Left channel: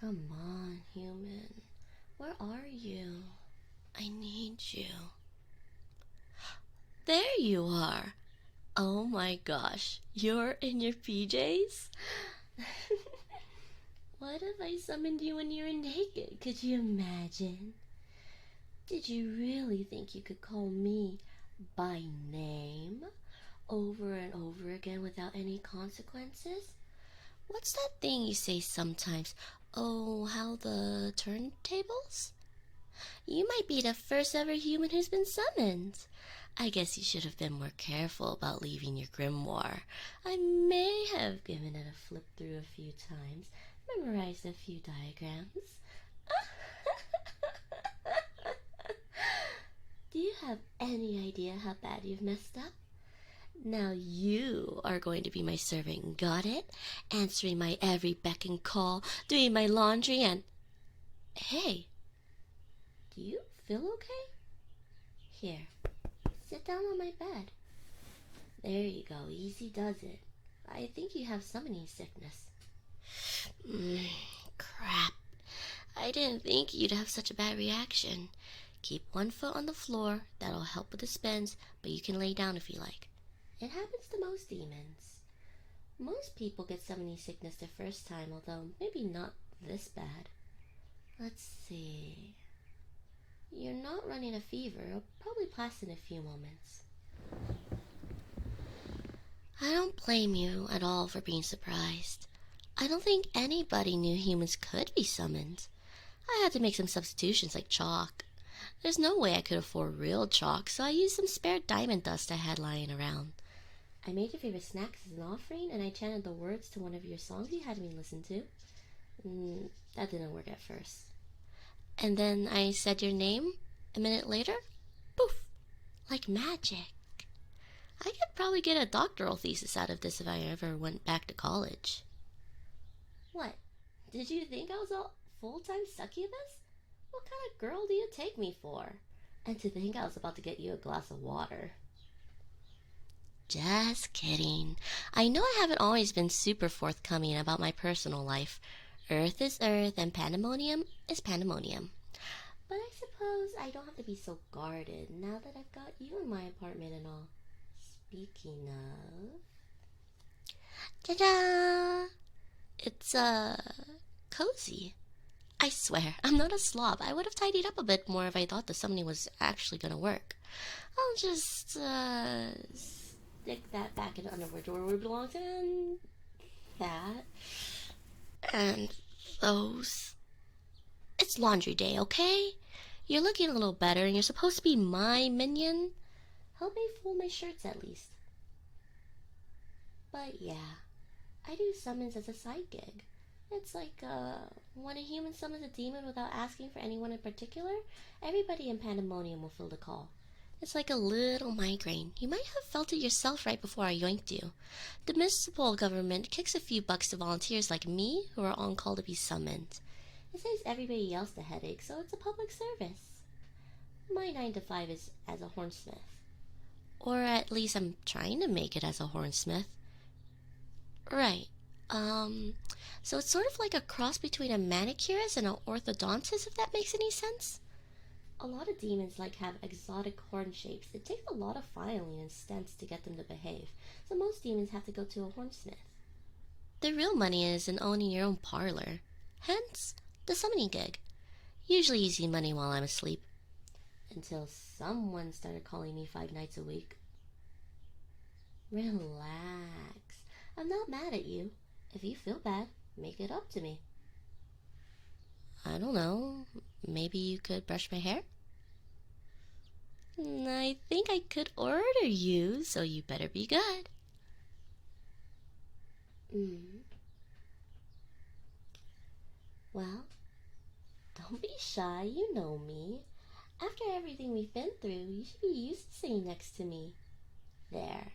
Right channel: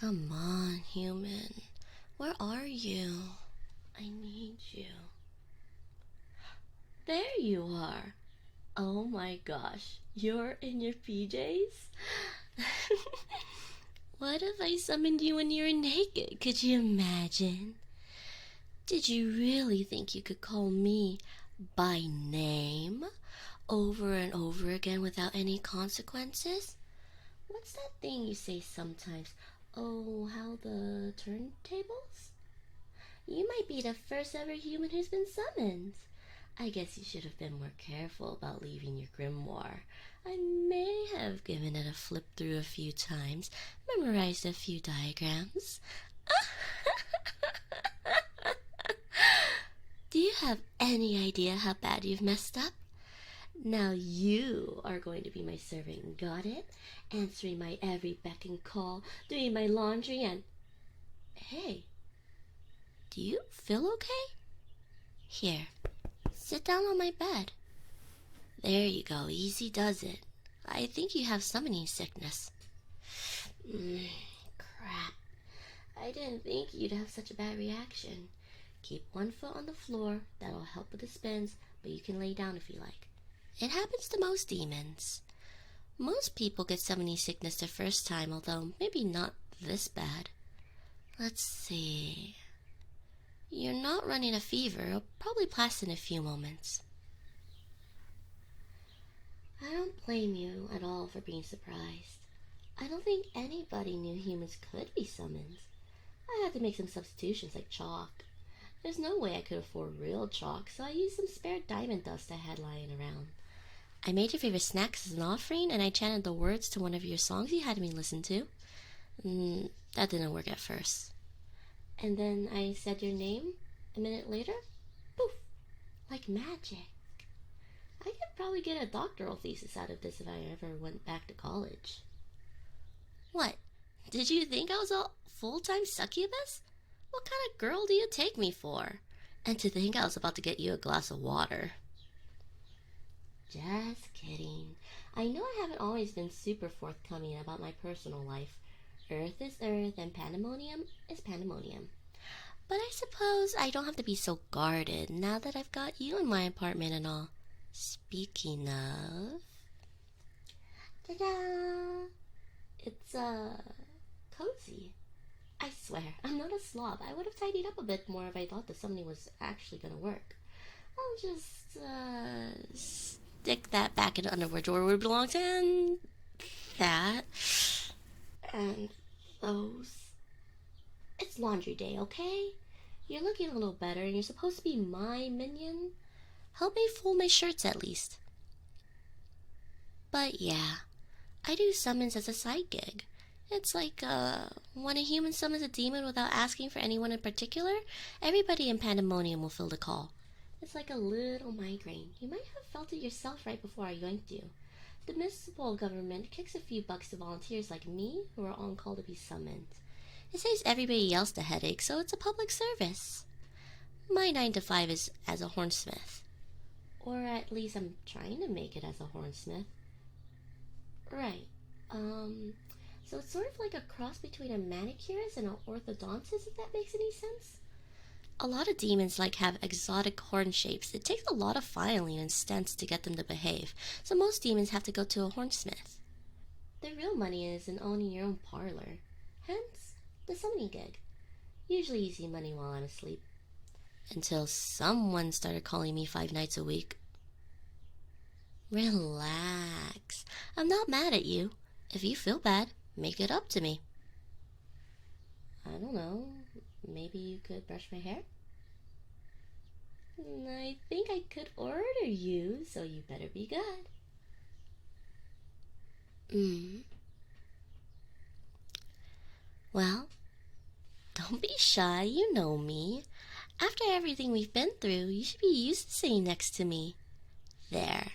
Come on, human. Where are you? I need you. There you are. Oh my gosh, you're in your PJs? What if I summoned you when you were naked? Could you imagine? Did you really think you could call me by name over and over again without any consequences? What's that thing you say sometimes? Oh, how the turntables? You might be the first ever human who's been summoned. I guess you should have been more careful about leaving your grimoire. I may have given it a flip through a few times, memorized a few diagrams. Do you have any idea how bad you've messed up? Now you are going to be my servant, got it? Answering my every beck and call, doing my laundry and... Hey, do you feel okay? Here, sit down on my bed. There you go, easy does it. I think you have summoning sickness. Crap. I didn't think you'd have such a bad reaction. Keep one foot on the floor, that'll help with the spins, but you can lay down if you like. It happens to most demons. Most people get summoning sickness the first time, although maybe not this bad. Let's see... You're not running a fever. It'll probably pass in a few moments. I don't blame you at all for being surprised. I don't think anybody knew humans could be summoned. I had to make some substitutions like chalk. There's no way I could afford real chalk, so I used some spare diamond dust I had lying around. I made your favorite snacks as an offering, and I chanted the words to one of your songs you had me listen to. That didn't work at first. And then I said your name. A minute later, poof, like magic. I could probably get a doctoral thesis out of this if I ever went back to college. What? Did you think I was a full-time succubus? What kind of girl do you take me for? And to think I was about to get you a glass of water. Just kidding. I know I haven't always been super forthcoming about my personal life. Earth is Earth and pandemonium is pandemonium. But I suppose I don't have to be so guarded now that I've got you in my apartment and all. Speaking of... Ta-da! It's, cozy. I swear, I'm not a slob. I would have tidied up a bit more if I thought the summoning was actually gonna work. I'll just, stick that back in the underwear drawer where it belongs, and... that... and those... It's laundry day, okay? You're looking a little better and you're supposed to be my minion. Help me fold my shirts at least. But yeah, I do summons as a side gig. It's like, when a human summons a demon without asking for anyone in particular, everybody in Pandemonium will fill the call. It's like a little migraine. You might have felt it yourself right before I yoinked you. The municipal government kicks a few bucks to volunteers like me who are on call to be summoned. It saves everybody else the headache, so it's a public service. My 9 to 5 is as a hornsmith. Or at least I'm trying to make it as a hornsmith. Right. So it's sort of like a cross between a manicurist and an orthodontist, if that makes any sense. A lot of demons have exotic horn shapes. It takes a lot of filing and stents to get them to behave, so most demons have to go to a hornsmith. The real money is in owning your own parlor. Hence, the summoning gig. Usually easy money while I'm asleep. Until someone started calling me 5 nights a week. Relax. I'm not mad at you. If you feel bad, make it up to me. I don't know. Maybe you could brush my hair? I think I could order you, so you better be good. Well, don't be shy, you know me. After everything we've been through, you should be used to sitting next to me. There,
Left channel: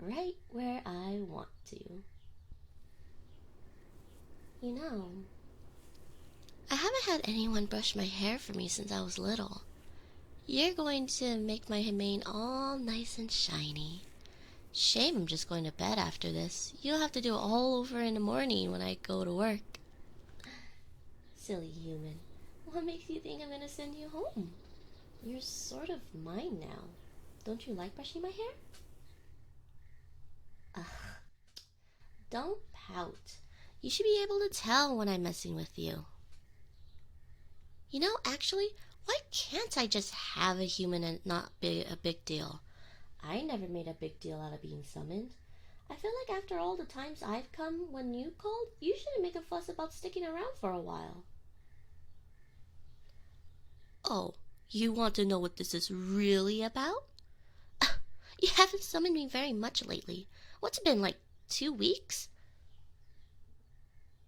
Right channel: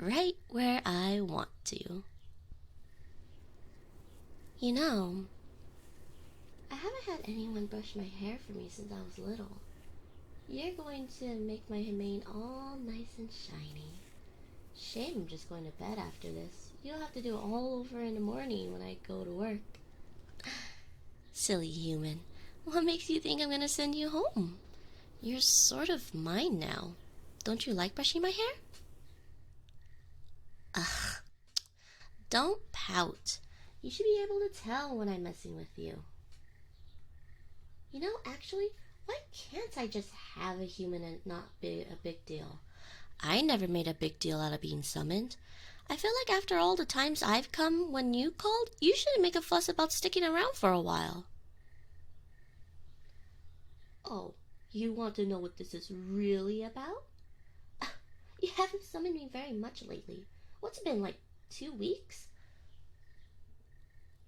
right where I want to. You know, I haven't had anyone brush my hair for me since I was little. You're going to make my mane all nice and shiny. Shame I'm just going to bed after this. You'll have to do it all over in the morning when I go to work. Silly human. What makes you think I'm gonna send you home? You're sort of mine now. Don't you like brushing my hair? Ugh. Don't pout. You should be able to tell when I'm messing with you. You know, actually, why can't I just have a human and not be a big deal? I never made a big deal out of being summoned. I feel like after all the times I've come when you called, you shouldn't make a fuss about sticking around for a while. Oh, you want to know what this is really about? You haven't summoned me very much lately. What's it been, like 2 weeks?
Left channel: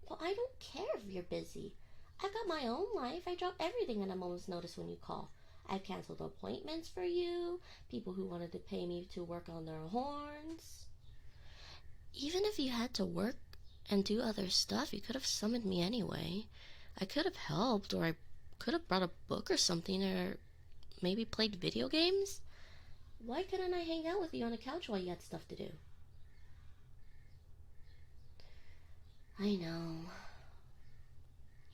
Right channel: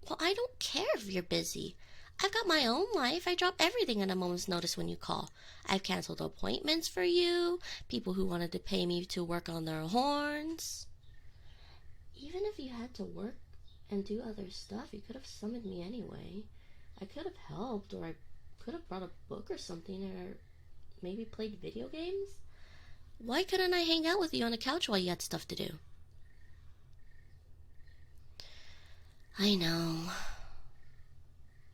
Well, I don't care if you're busy. I've got my own life. I drop everything at a moment's notice when you call. I've canceled appointments for you, people who wanted to pay me to work on their horns. Even if you had to work and do other stuff, you could have summoned me anyway. I could have helped, or I could have brought a book or something, or maybe played video games. Why couldn't I hang out with you on the couch while you had stuff to do? I know.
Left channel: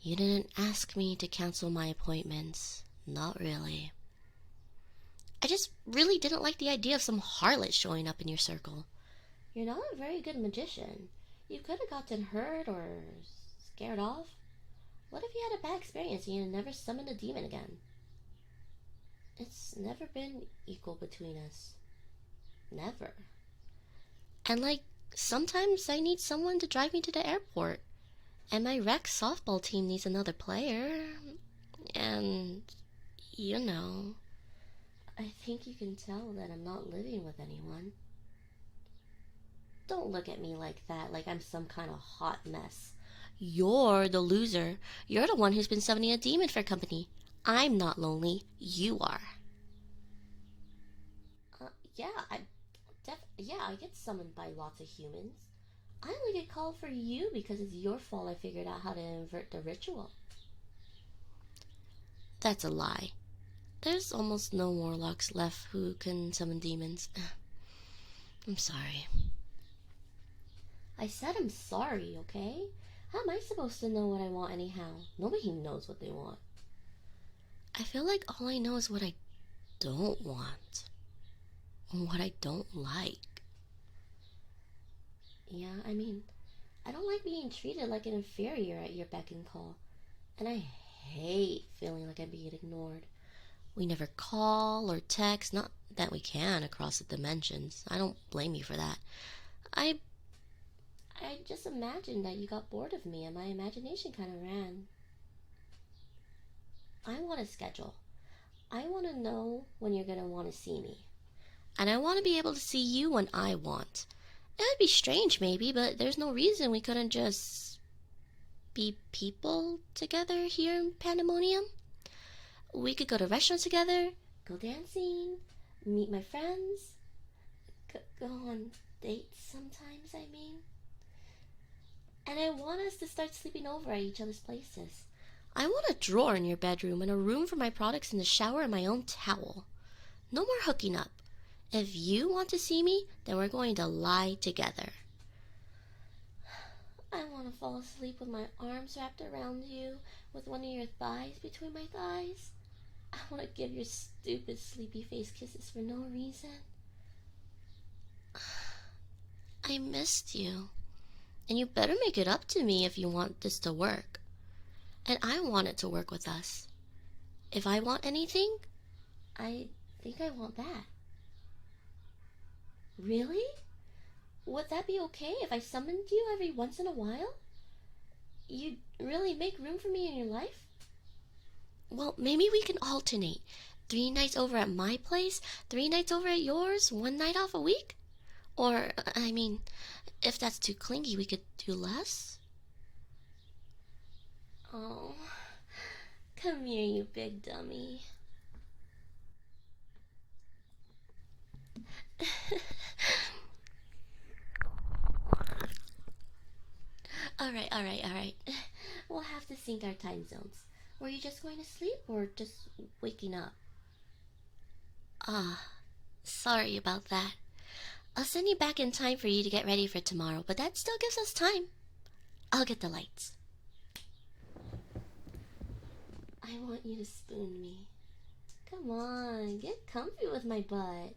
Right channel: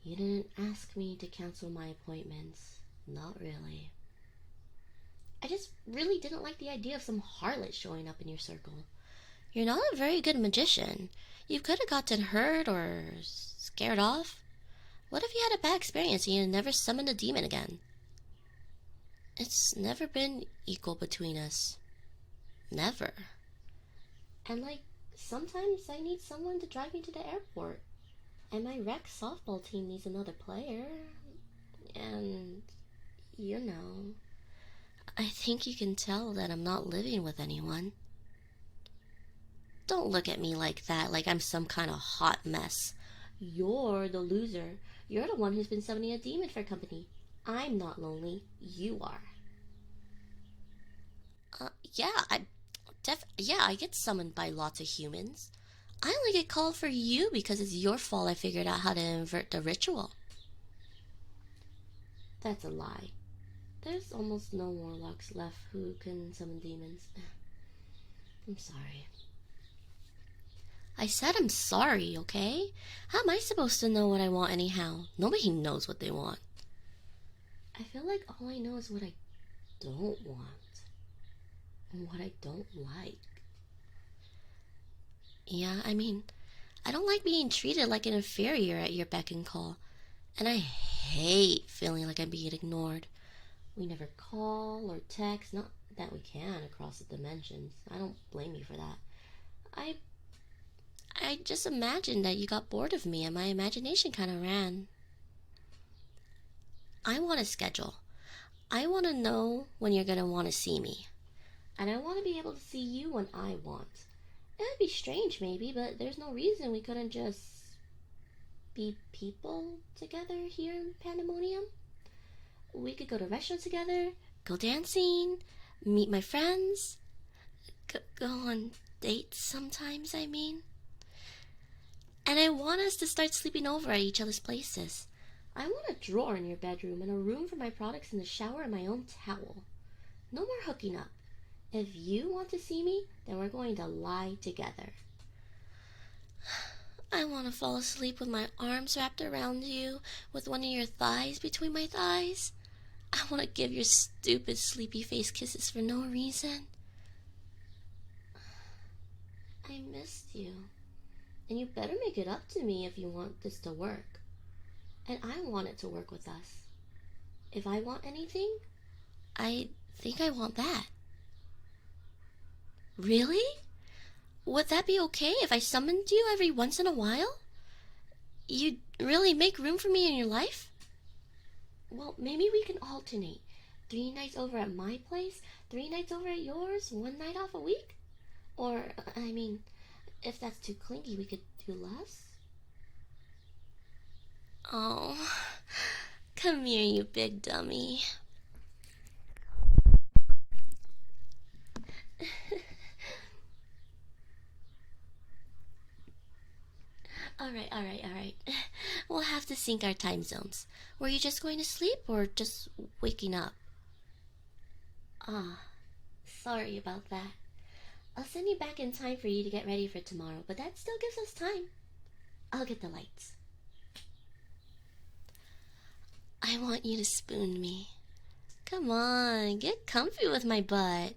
You didn't ask me to cancel my appointments. Not really. I just really didn't like the idea of some harlot showing up in your circle. You're not a very good magician. You could have gotten hurt or scared off. What if you had a bad experience and you never summoned a demon again? It's never been equal between us. Never. And sometimes I need someone to drive me to the airport. And my rec softball team needs another player. And, I think you can tell that I'm not living with anyone. Don't look at me like that, like I'm some kind of hot mess. You're the loser. You're the one who's been summoning a demon for company. I'm not lonely. You are. I get summoned by lots of humans. I only get called for you because it's your fault I figured out how to invert the ritual. That's a lie. There's almost no warlocks left who can summon demons. I'm sorry. I said I'm sorry, okay? How am I supposed to know what I want anyhow? Nobody knows what they want. I feel like all I know is what I don't want. And what I don't like. Yeah, I don't like being treated like an inferior at your beck and call. And I hate feeling like I'm being ignored. We never call or text, not that we can across the dimensions. I don't blame you for that. I just imagined that you got bored of me and my imagination kind of ran. I want a schedule. I want to know when you're going to want to see me. And I want to be able to see you when I want. It would be strange maybe, but there's no reason we couldn't just be people together here in Pandemonium. We could go to restaurants together, go dancing, meet my friends, go on dates sometimes, And I want us to start sleeping over at each other's places. I want a drawer in your bedroom and a room for my products in the shower and my own towel. No more hooking up. If you want to see me, then we're going to lie together. I want to fall asleep with my arms wrapped around you, with one of your thighs between my thighs. I want to give your stupid sleepy face kisses for no reason. I missed you. And you better make it up to me if you want this to work. And I want it to work with us. If I want anything, I think I want that. Really? Would that be okay if I summoned you every once in a while? You'd really make room for me in your life? Well, maybe we can alternate. 3 nights over at my place, 3 nights over at yours, 1 night off a week? Or, if that's too clingy, we could do less? Oh, come here, you big dummy. Alright. We'll have to sync our time zones. Were you just going to sleep or just waking up? Sorry about that. I'll send you back in time for you to get ready for tomorrow, but that still gives us time. I'll get the lights. want you to spoon me. Come on, get comfy with my butt.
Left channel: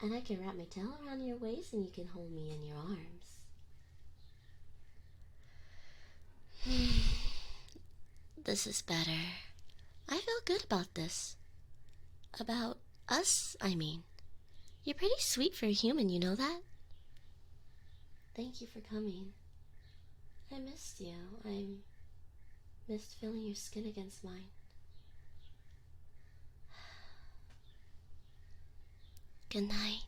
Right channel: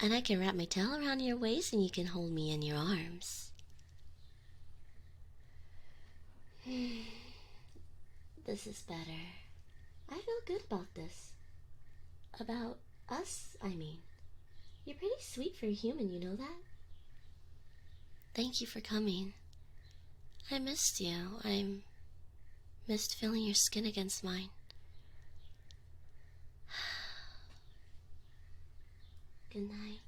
And I can wrap my tail around your waist and you can hold me in your arms. This is better. I feel good about this. About us, I mean. You're pretty sweet for a human, you know that? Thank you for coming. I missed you. I missed feeling your skin against mine. Good night.